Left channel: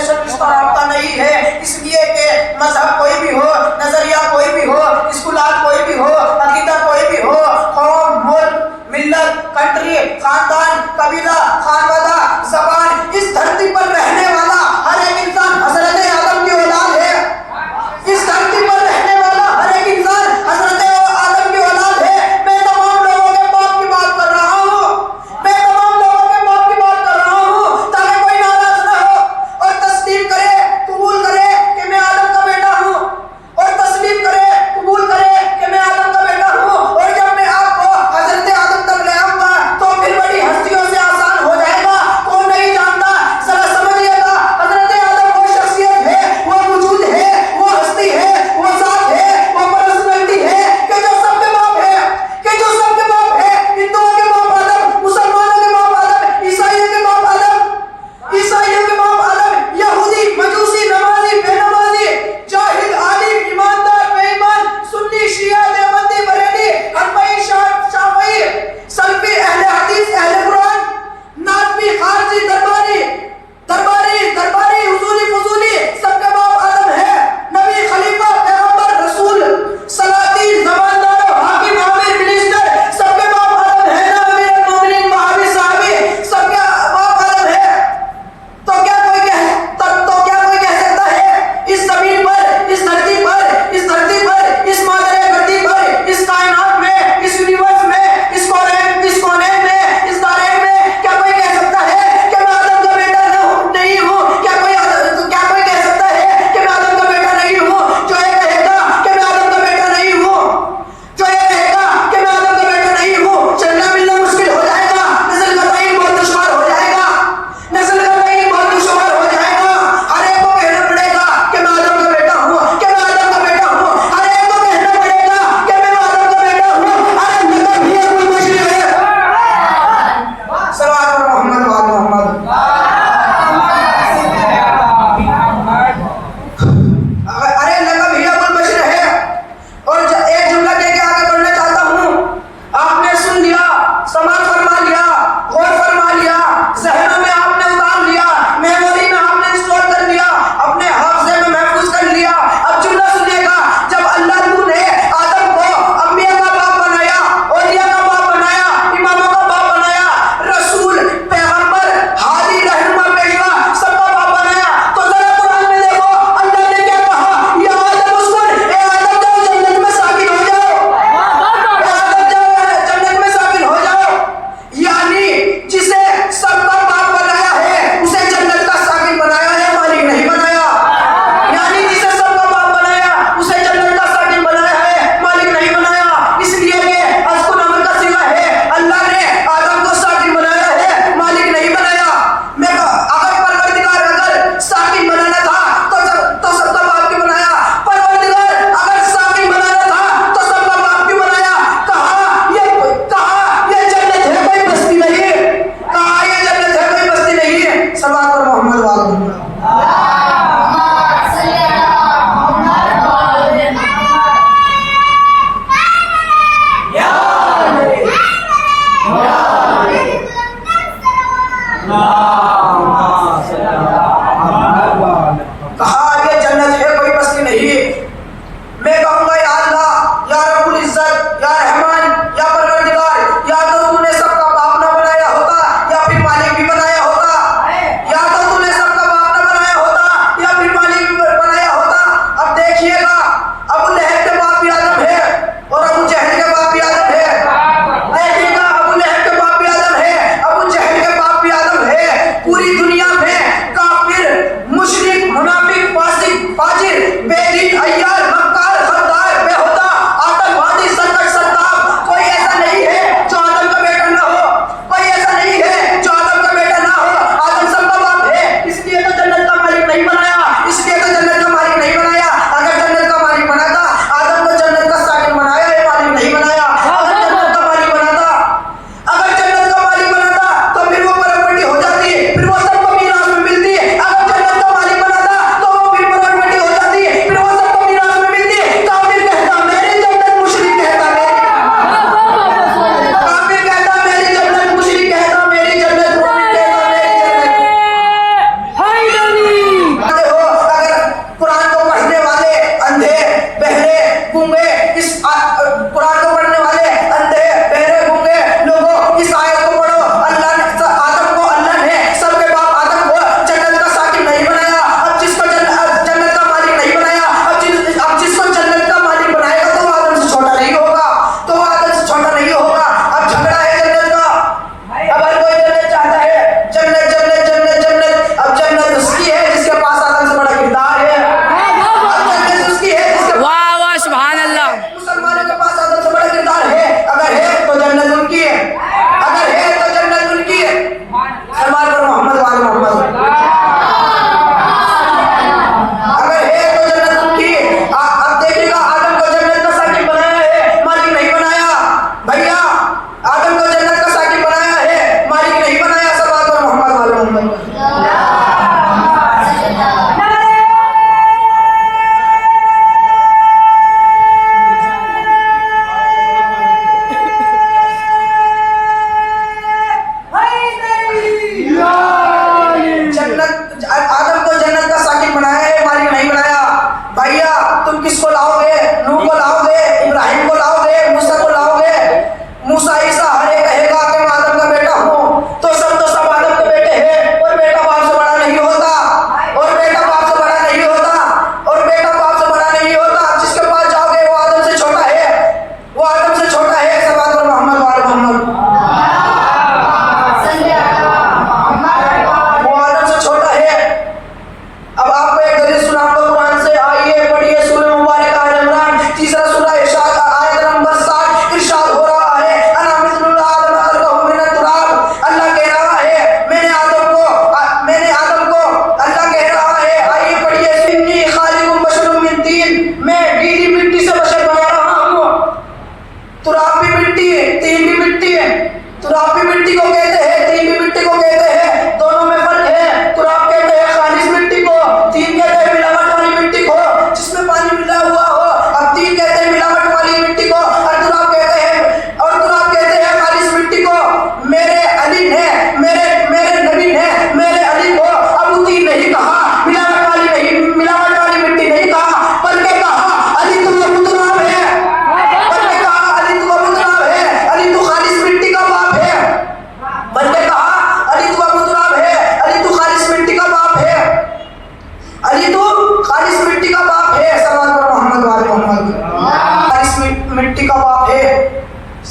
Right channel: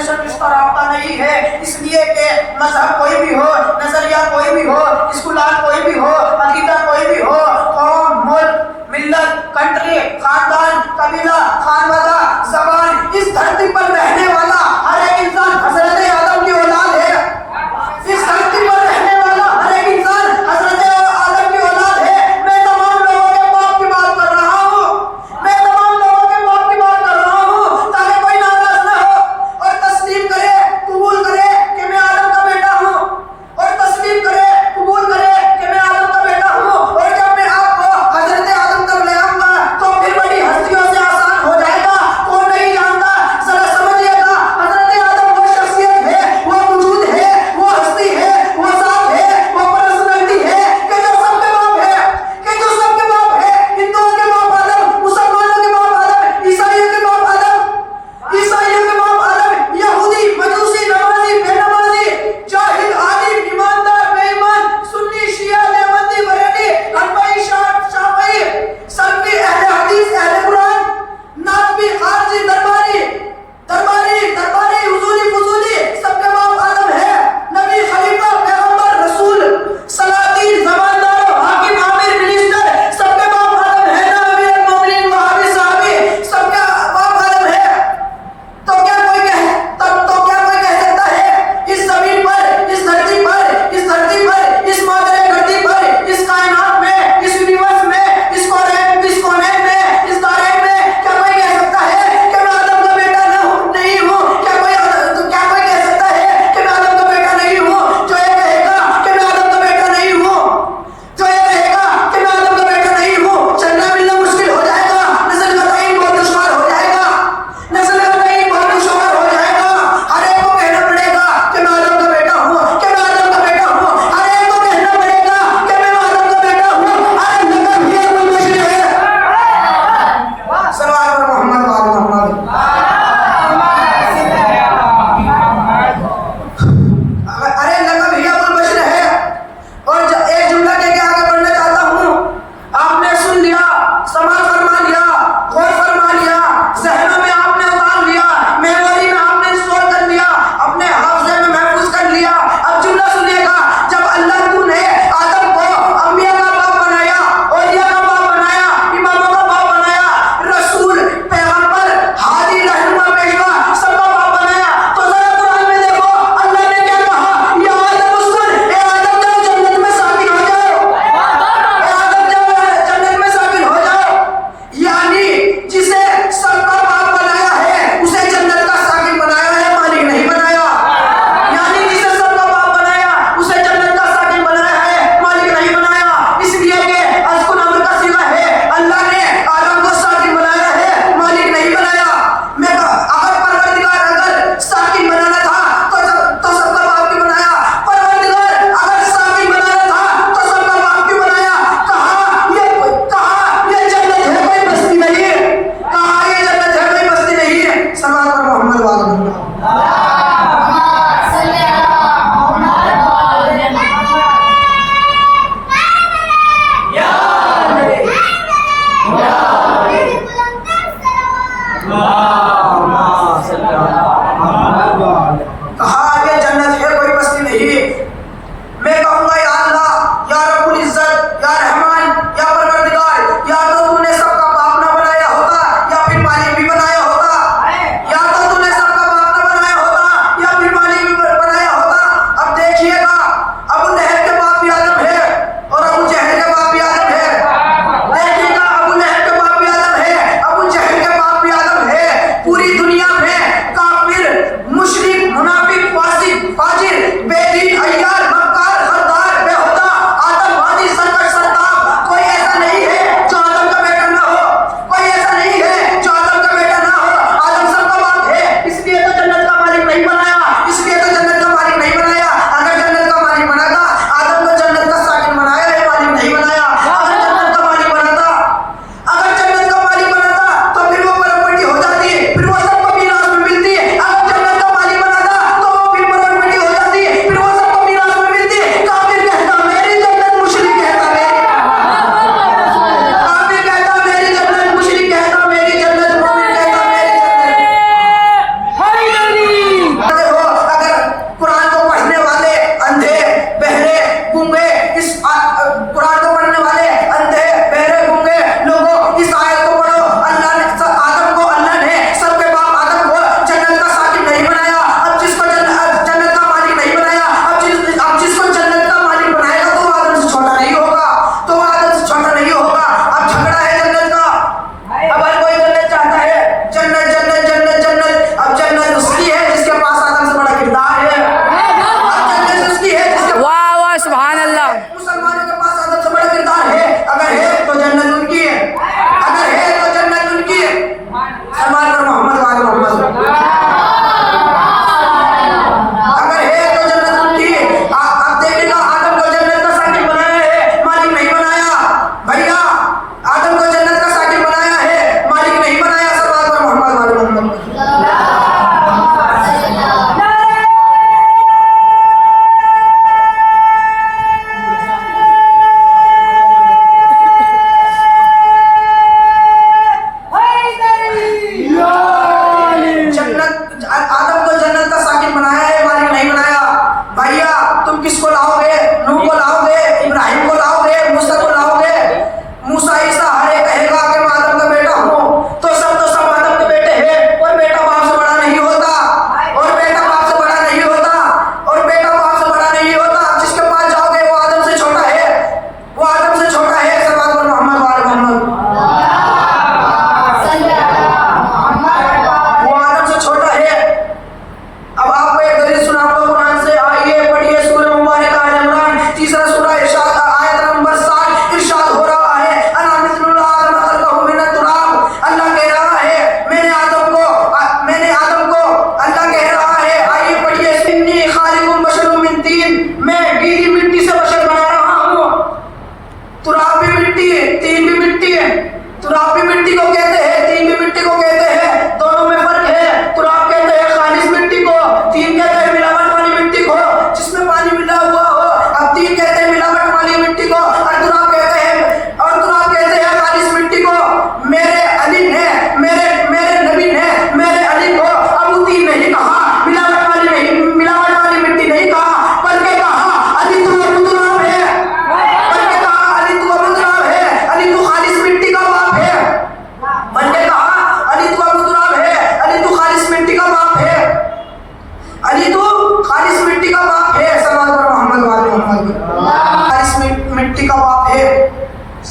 Reservation रिश्ता नाता नहीं है, इसलिए कि मजहब कोई भी हो, नजरिया कोई भी हो, स्कूलात कोई भी हो, अकीदा कोई भी हो, कौम, मुल्क, मिल्लत, कंट्री, खानदान, कबीला, खानवादा, जबान, इस धरती पर रहने वाला हर एक इंसान हजरत आदम की औलाद है। इस धरती पर रहने वाला हर एक इंसान हजरत आदम की औलाद है। मैं तमाम लोगों के बाप की बात कर रहा हूँ, मैं तमाम लोगों के बाप की बात कर रहा हूँ, ताकि कोई नाराज ना हो और तस्लीम करे, कबूल करे कि मैं आदम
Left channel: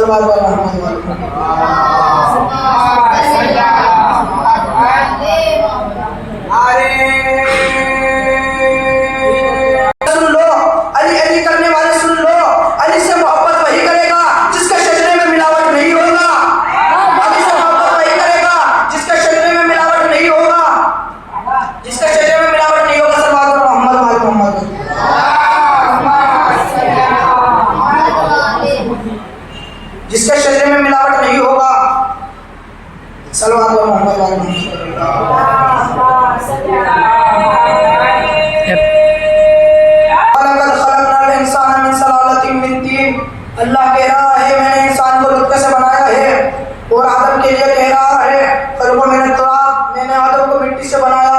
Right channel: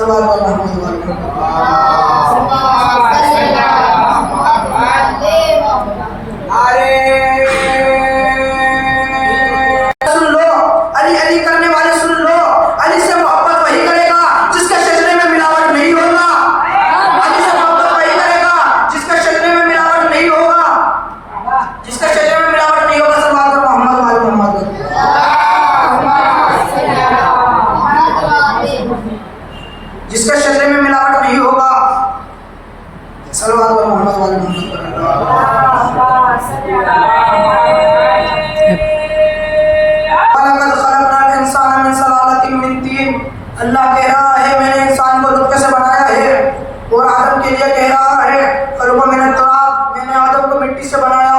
सल्लल्लाहु अलैहि वसल्लम। सुन लो, अली अली करने वाले सुन लो, अली से मोहब्बत वही करेगा जिसके शरीर में मिलावट नहीं होगा। अली से मोहब्बत वही करेगा जिसके शरीर में मिलावट नहीं होगा, जिसके शरीर में मिलावट नहीं होगा। सल्लल्लाहु अलैहि मोहम्मद। जिसके शरीर में मिलावट नहीं होगा, सल्लल्लाहु अलैहि मोहम्मद। अल्लाह कह रहा है मैंने इंसान को नुत्फे से बनाया है और आदम के लिए कह रहा है मैंने आदम को मिट्टी से बनाया।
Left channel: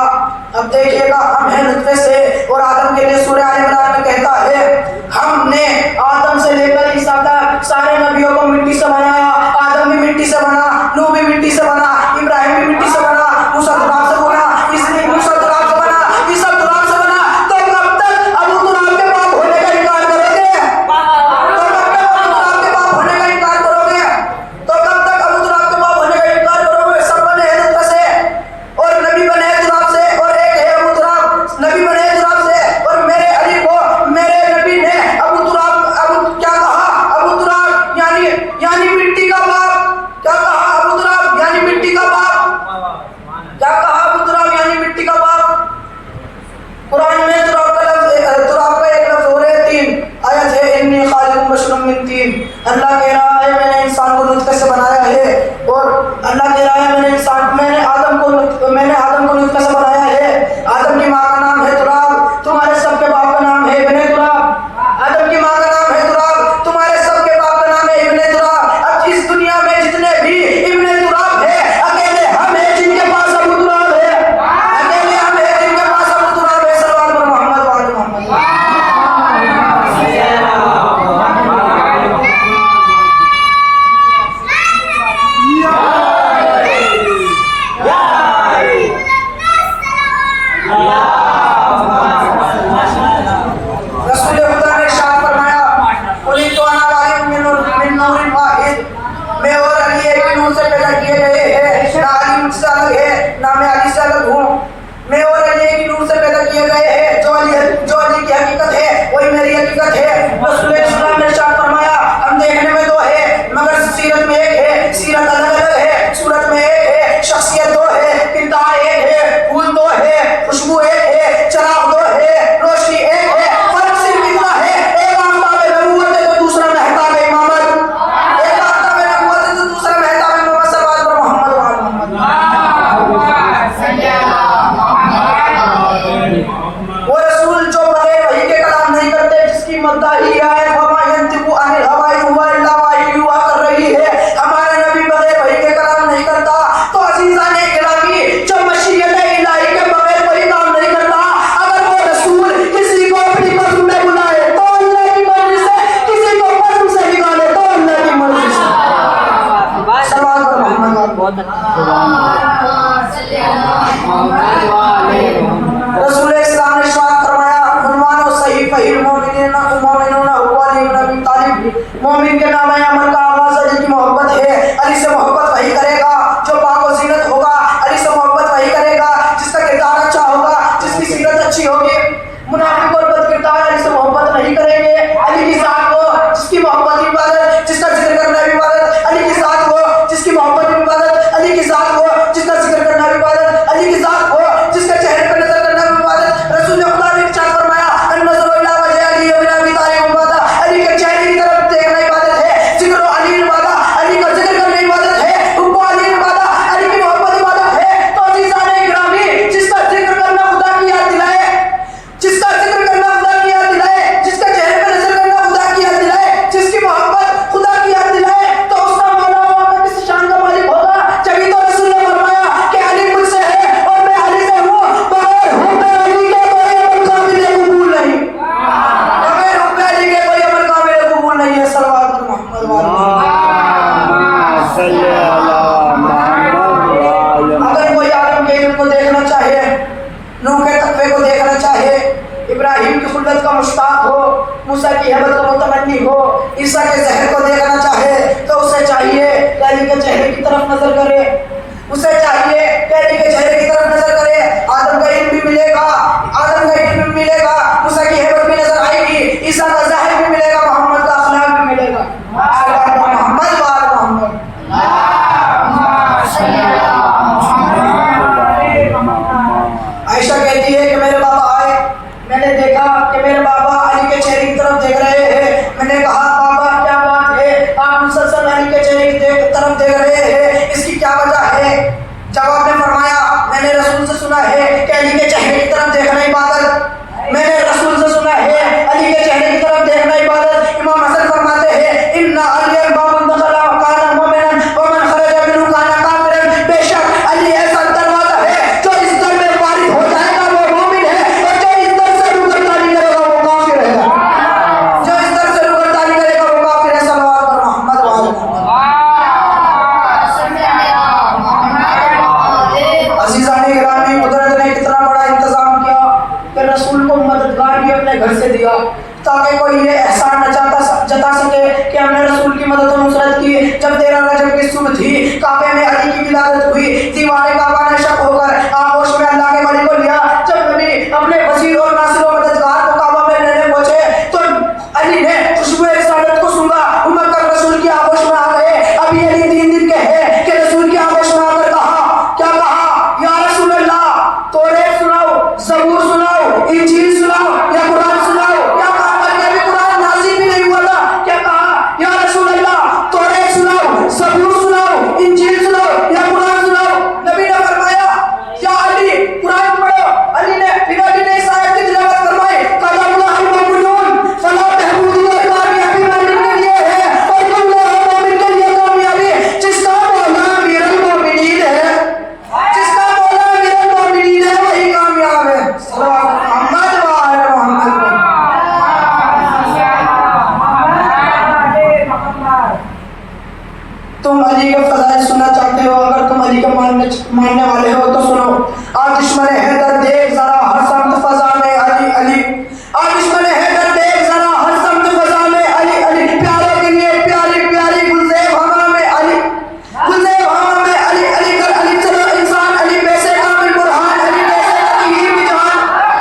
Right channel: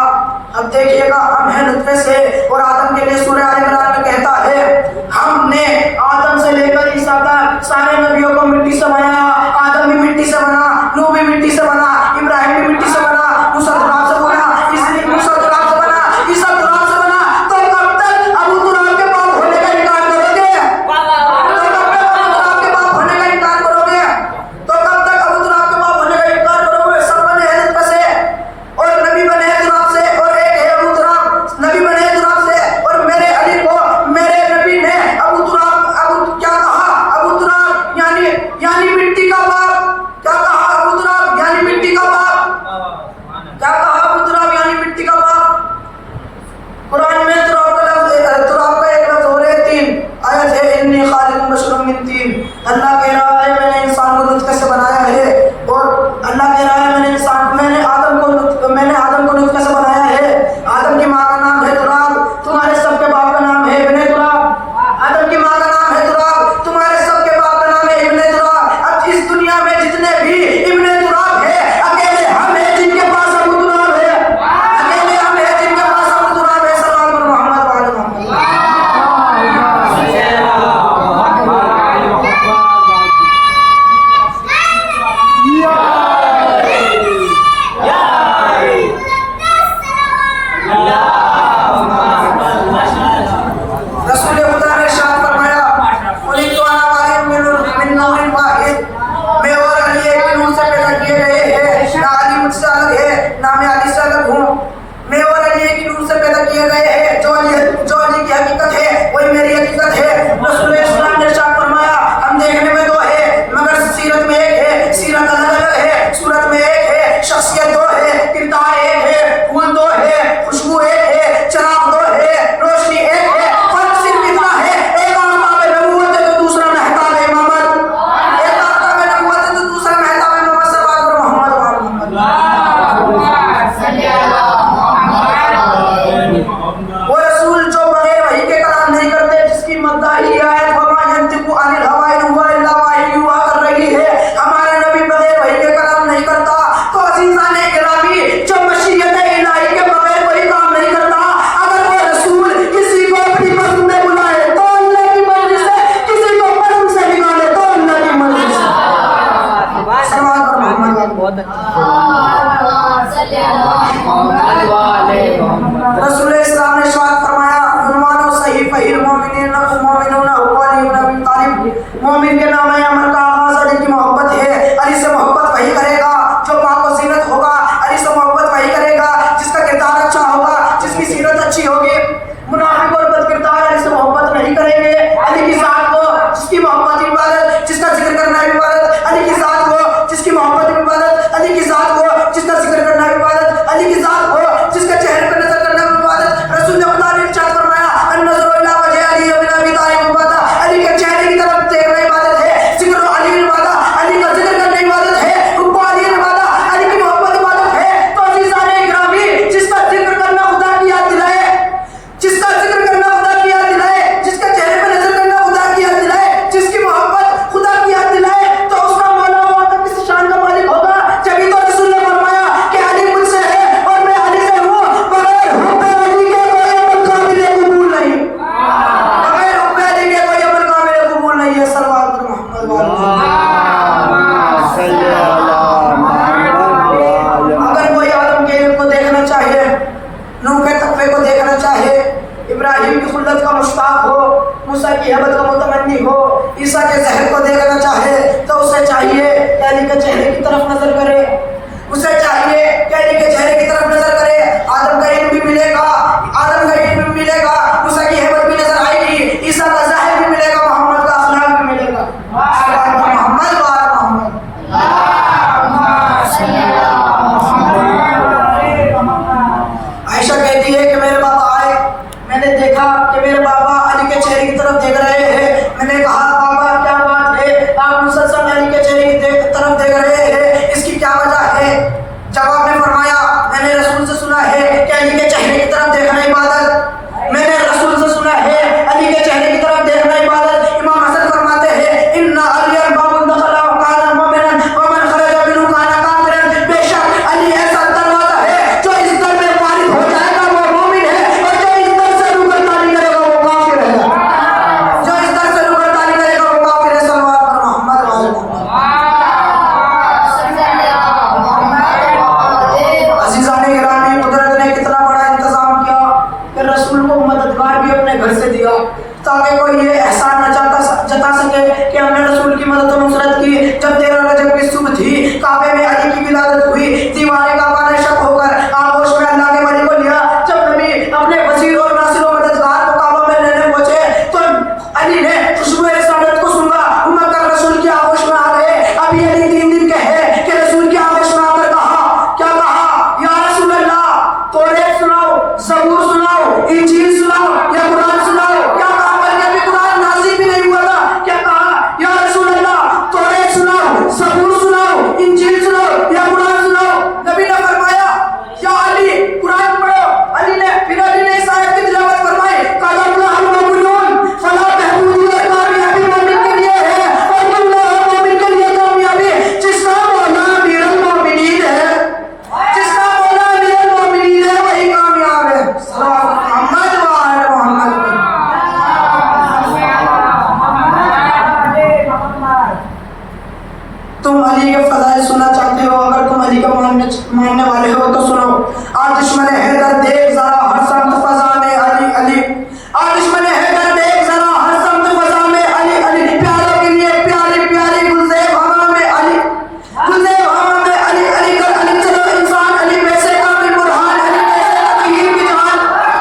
अब देखिएगा हम हैं नुत्फे से और आदम के लिए सूरह आल इमरान में कहता है हमने आदम से लेकर ईसा तक सारे नबियों को मिट्टी से बनाया। आदम भी मिट्टी से बना, नूह भी मिट्टी से बना, इब्राहिम भी मिट्टी से बना, मूसा तुराब से बना, इसलिए मूसा तुराब से बना, ईसा तुराब से बना। तो कब तक अबू तुराब के बाप होने का इनकार करोगे? अल्लाह कह रहा है मैंने इंसान को नुत्फे से बनाया है और अल्लाह कह रहा है मैंने आदम को नुत्फे से बनाया है। आदम की माँ का नाम है तुराब, तुम्हारे सबके बाप का नाम है इब्ने तुराब। आदम की माँ का नाम है तुराब, तुम्हारे सबके बाप का नाम है इब्ने तुराब। अब इस दुनिया में जितने भी इब्ने तुराब है अकेले हम हैं जिनके पास अबू तुराब है, अकेले हम हैं जिनके पास अबू तुराब है। सल्लल्लाहु अलैहि मोहम्मद। रसूल इस्लाम ने इरशाद फरमाया फरमानो सही फहील मोमिनीन मोमिनून हुवा अली इब्न अबी तालिब। मोमिन के नाम है अमल का आगाज अली की मोहब्बत है। अली से मोहब्बत वही करेगा जो पाक और सीरत होगा। अली से मोहब्बत वही करेगा जिसका किरदार अच्छा होगा, जिसकी सीरत अच्छी होगी। मुनाफिक और बद किरदार अली से मोहब्बत नहीं करेंगे। अली की साथ वो जिसकी मोहब्बत इबादत, जिसका जिक्र करना इबादत। अली की साथ वो जिसकी मोहब्बत इबादत, अली की साथ वो जिसका जिक्र करना इबादत, अली की साथ वो जिसके चेहरे पर नजर करना इबादत। रसूल ने खुदा ने इरशाद फरमाया अन्नज़रु इला वजहि अली व इला अबी तालिब इबादत। अली के चेहरे की तरफ देखना इबादत है। जिक्र अली इबादत, अली का जिक्र करना इबादत है। हुब्बु अली इबादत, अली की मोहब्बत इबादत है। तो अज़ीज़ान इकरामी जिसका जिक्र करना खुदा की याद दिलाए, जिसका जिक्र करना खुदा की याद दिलाए, जिसके चेहरे पर नजर करना खुदा की याद दिलाए, जिसकी मोहब्बत खुदा की याद दिलाए, तो उसका मौला वहां पे किस शान का मालिक होगा। जब तो रसूल ने फरमाया कि अली मुझसे है और मैं अली से हूं, बगैर हुब्बे अली के कोई अमल काबिल कबूल नहीं, बगैर हुब्बे अली के कोई अमल काबिल कबूल नहीं है। सल्लल्लाहु अलैहि मोहम्मद। अगर कोई आदम के इल्म को देखना चाहे, नूह के तकवे को देखना चाहे, इब्राहिम की खुल्लत का मुश्ताक हो, मूसा की हेबत का मुतमन्नी हो, ईसा के जहर को देखना चाहे तो उसे चाहिए कि अली के चेहरे की तरफ नजर करे, उसे चाहिए कि अली के चेहरे की तरफ नजर करे। आदम का इल्म भी मिलेगा, आदम का इल्म भी मिलेगा, मूसा की हेबत भी नजर आएगी, ईसा का ज़ाहिर भी मिलेगा, मोहम्मद का अखलाक भी मिलेगा। मोहम्मद आयशा कहती है कि मेरे बाबा आए, मैंने देखा कि मेरे बाबा अली के चेहरे की तरफ देख रहे हैं। मैंने कहा बाबा क्या बात है, आप मुसलसल अली के चेहरे की तरफ देख रहे हैं, इसकी क्या वजह है? जवाब में फरमाया मैंने रसूल से सुना है कि अली के चेहरे की तरफ देखना इबादत, मैंने रसूल से सुना है अली के चेहरे की तरफ देखना इबादत। इमाम हसन फरमाते हैं इन्ना अली बाबुन दखला काना मुमिनन व मन खरजा मिनहु काना काफिरन, बेशक अली ऐसा दरवाजा है जो इस दर में वारिद हो जाएगा वो मोमिन है, और जो इस दर से रुगरतानी करेगा वो काफिर है, जो इस दर से रुगरतानी करेगा वो काफिर है। सल्लल्लाहु अलैहि मोहम्मद। अज़ीज़ाने गिरामी, कुदरत ने कितना बड़ा इंतजाम किया कि रसूल को मददगार भी अपने घर से दिया ताकि कोई ये एहसान न जता सके कि हमने रसूल की मदद और नुसरत की। जब 13 रजब की सुबह थी, काबे में अली की विलादत हुई, दीवारे काबा ने शक होकर आगोश में अल्लाह के वली को लिया। जब नबी अपने वजीर और नासिर और मददगार को काबा में लेने पहुंचे तो अली ने खुशबू रिसालत को सूंघा, उमर तक रसूल की आगोश में आ गए। अभी अली 3 दिन के हैं कि रसूल की आगोश में आकर कहा, क्या कहा? या रसूल अल्लाह, तौरात सुनाओ, ज़बूर सुनाओ, इंजील सुनाओ या कुरान सुनाओ। क्या कहा? कुरान नाज़िल भी नहीं हुआ था। क्या कहा? या रसूल अल्लाह, तौरात सुनाओ, ज़बूर सुनाओ, इंजील सुनाओ या कुरान सुनाओ। नबी ने फरमाया या अली कुरान पढ़ो। अली ने फिर अली ने इस आयत की तिलावत फरमाई, कलम हम मुमिनून फला तहबूदी और कामयाबी मोमिन के लिए है और अल्लाह मोमिन के लिए कामयाबी। जिसका मौला अमीरुल मोमिनीन है, जिसका मौला अमीरुल मोमिनीन है वही कामयाब है। मोहम्मद वाले मोहम्मद। तुम अली के फज़ाइल सुनना चाहते हो, अगर तुम अली को मानने वाले हो तो सुनो। आज दुश्मन हैदर देख जरा हर समत फज़ा में अली अली, आज दुश्मन हैदर देख जरा हर समत फज़ा में अली अली, प्यारे के लिए प्यारी प्यारी गुलज़ेब हवा में अली, गुलज़ेब हवा में अली अली कर अली चलो इंसान अली वैसे कामिल बुरहान अली वैसे तदहीर की जान,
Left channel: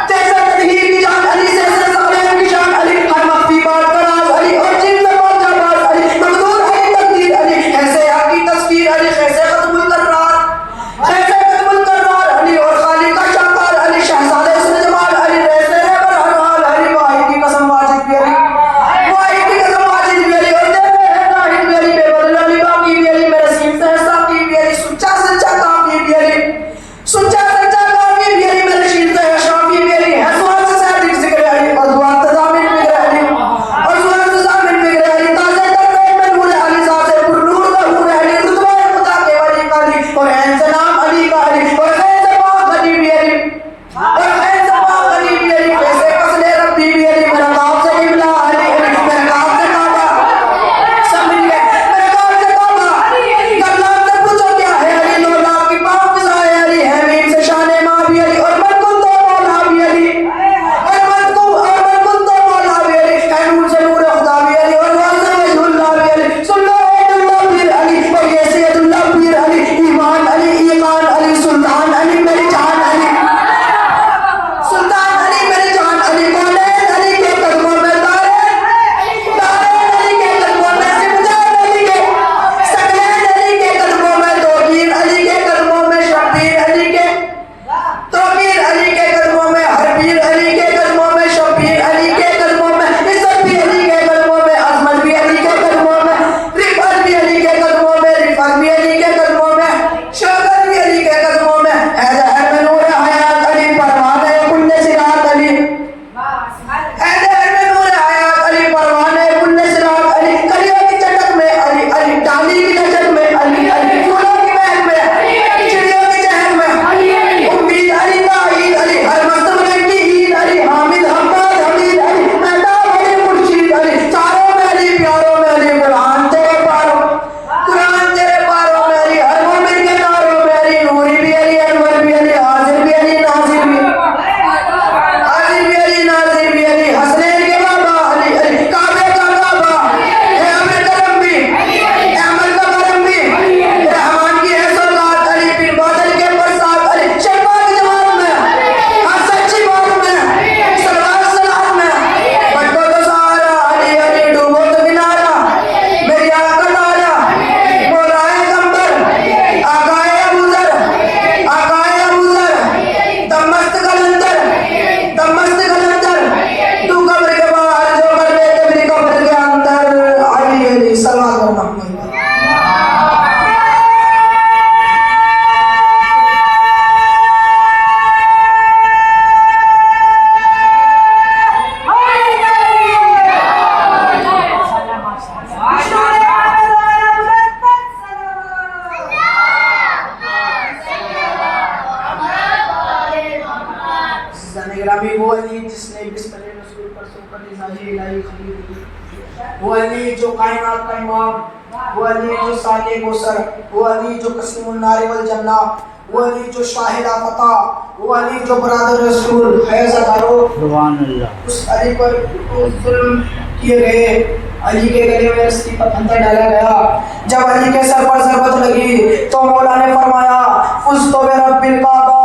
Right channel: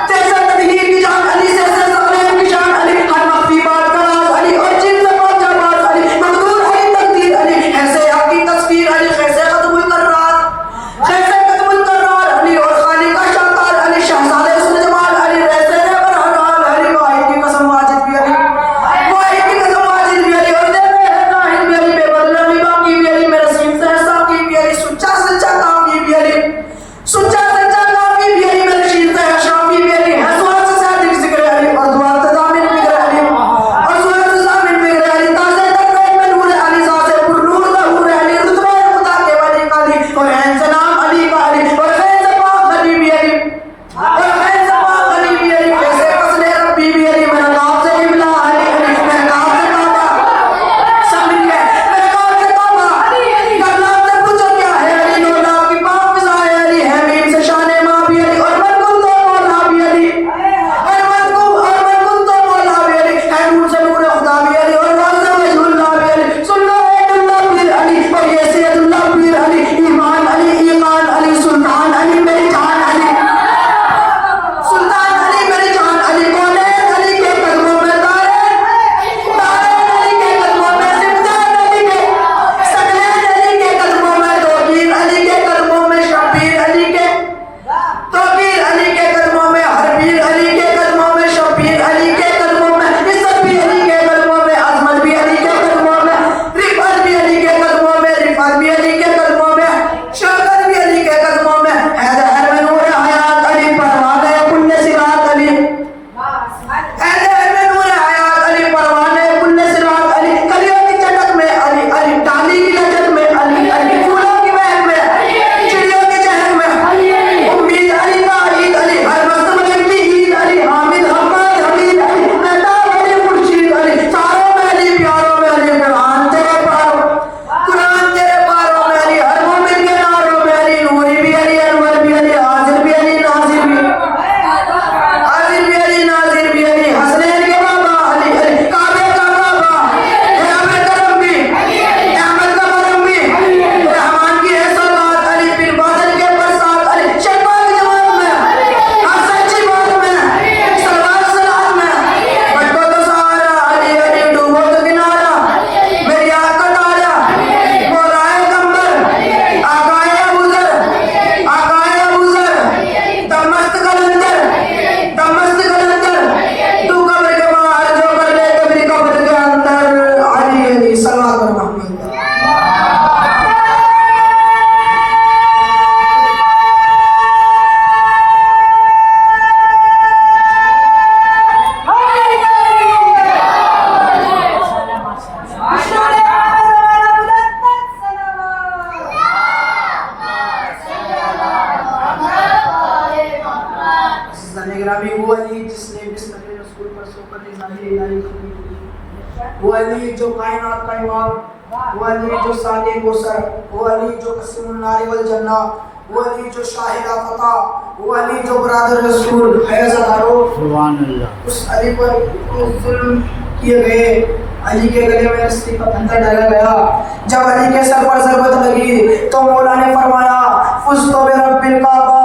जैसे तदहीर की जान अली से ज़ालिम की जान अली, हर वक्त की बात का राज अली और चीज़ से बात जवाब अली, मकदूर अली तकदीर अली, कैसे आपकी तस्वीर अली, कैसे खत्मुल करार, जैसे खत्मुल करार अली और खालिक का शाकार अली, शहजादे इसमें जमाल अली, रहते हैं बरहमाल अली, वाहिद की कसम वाजिद भी अली, वाहिद की कसम वाजिद भी अली, और देते हैं नाहिद भी अली, बेबदला भी बाकी भी अली, मेरे सीन से साकी भी अली, सुच्चा सच्चा काफी भी अली, सुच्चा सच्चा काफी भी अली, मेरे सीन से शाफी भी अली, हज़रत से सादिक ज़िक्र अली, और दुआ तज़ामिन भी अली, और दुआ तज़ामिन भी अली, ताज़े तर्बे में नूर अली, ज़ाते पुरनूर ज़हूर अली, दुश्मन खुदा के वली अली, और है सलाम अली का अली, और है ज़बान अली भी अली, और है ज़बान अली भी अली, कैसे फज़ले रब्बी भी अली, मेरा बाप से इब्ला अली अली, मेरा बाप से बाबा समझ ले, मेरा बाप से बाबा गल्ला से गुजर गया है अली, नौला की बाप ज़ाए अली है, मीम से शाने माँ भी अली, और मन को तो मौला भी अली, और मन को तो मौला भी अली, है नूर से नूर खुदा भी अली, और नूर से वजहुल्लाह भी अली, सुल्ला अब्दुल्लाह भी अली, और ये सैयदुल्लाह भी अली, ईमान अली, ईमान अली, सुल्तान अली, मेरी जान अली। जाने ग्रामी वो अली जिसने बिस्मिल्लाह रसूल पर सुपर निजाजी इलाही की, वो अली जो कायनात का इमाम, वो अली जो साले गोसर, वो अली जो कसीमुन नारे वल जन्ना, वो अली जो शाहिद फता, वो अली जो बरादर रसूल फैज़ अदारो, सुभान अल्लाह। उस अली पर जुल्म किए गए, अली के गले में रस्सी का फंदा डाला गया। जब अली के सर पर ज़रबत लगी तो मौला ने फरमाया फुज़्तु बिरब्बिल काबा,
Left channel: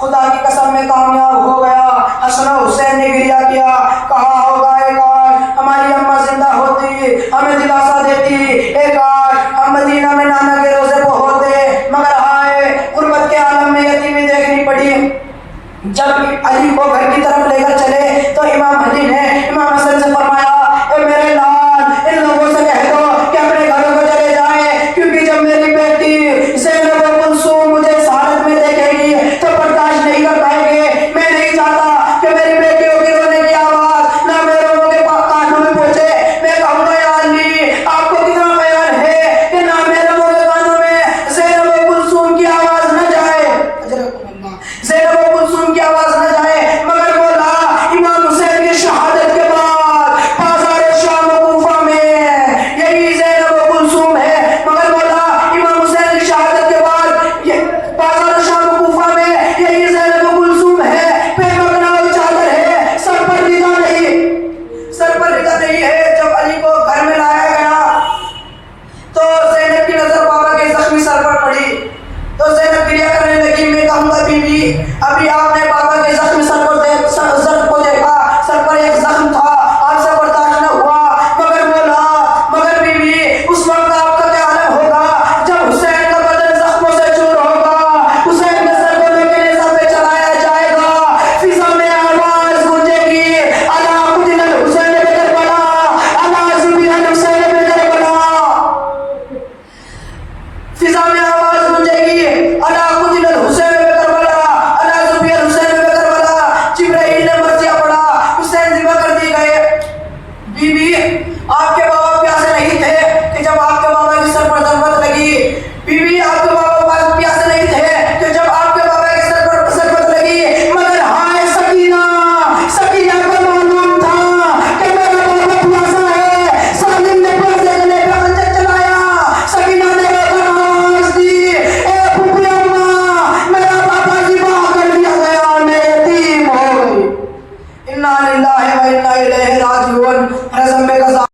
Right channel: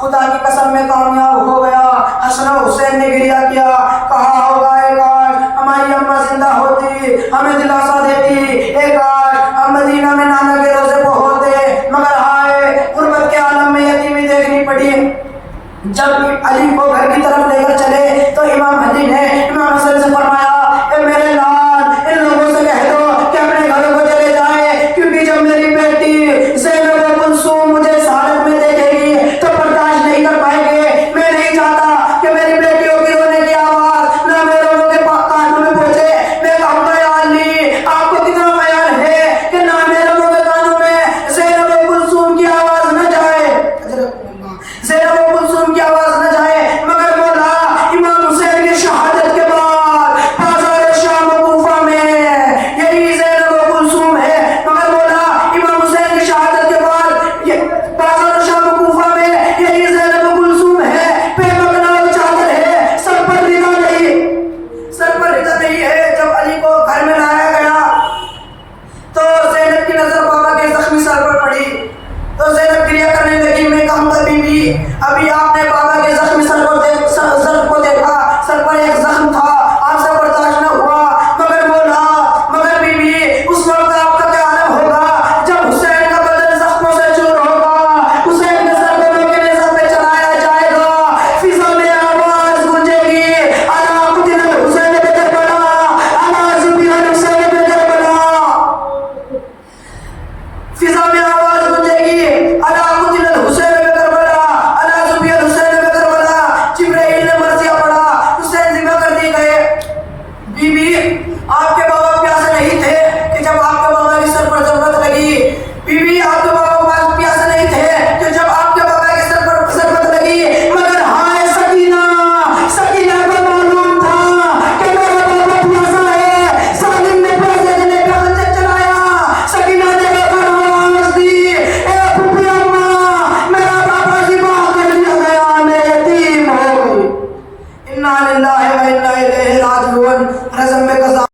खुदा की कसम में कामयाब हो गया। हसन हुसैन ने गिरिया किया, कहा होगा एक आज हमारी अम्मा जिंदा होती, हमें दिलासा देती, एक आज हम मदीना में नाना के रोज़े को होते, मगर हाय गुर्बत के आलम में यतीमी देखनी पड़ी। जब अली को घर की तरफ लेकर चले तो इमाम अली ने इमाम हसन से फरमाया, मेरे लाल इन लोगों से कह दो कि अपने घरों को चले जाएं, क्योंकि जब मेरी बेटी ज़ैनब कुलसूम मुझे इस हालत में देखेगी तो बर्दाश्त नहीं कर पाएंगे। मैं नहीं चाहता कि मेरी बेटियों की रोने की आवाज ना मेरे लोगों के कानों में पहुंचे। मैं कहूँगा या अली आपको कितना बयान है कि ना मेरे लोगों के कानों में ज़ैनब कुलसूम की आवाज न जाए, ज़ैनब कुलसूम की आवाज न जाए। मगर मौला इमाम हुसैन की शहादत के बाद बाज़ार शाम कूफा में यही ज़ैनब कुलसूम है। मगर मौला इमाम हुसैन की शहादत के बाद ये बाज़ार शाम कूफा में यही ज़ैनब कुलसूम है। बेमकनाल चादर है, सर पर रिदा नहीं, सर पर रिदा नहीं है। जब अली को घर में लाया गया तो ज़ैनब की नजर बाबा के जख्मी सर पर पड़ी तो ज़ैनब क्रिया करने लगी। मैं कहूँगा बीबी अभी आपने बाबा के जख्मी सर को देखा, सर पर एक जख्म था, आपसे बर्दाश्त न हुआ। मगर मौला मगर बीबी उस वक्त आपका क्या आलम होगा जब हुसैन का बदन जख्मों से चूर होगा, हुसैन के सर को मेरे सर पे चढ़ाया जाएगा, फिजा में आवाज गूंजेगी, अला कुतिल हुसैन पे करबला, अला ज़िबियन हुसैन पे करबला। फिजा में आवाज गूंजेगी, अला कुतिल हुसैन पे करबला, अला ज़िबियन हुसैन पे करबला। जिब्राइल ने मर्जिया पढ़ा, हुसैन जिंदा कर दिए गए। बीबी आपके बाबा प्यासे नहीं थे कि जब आपके बाबा की सर पर ज़रबत लगी, बीबी आपके बाबा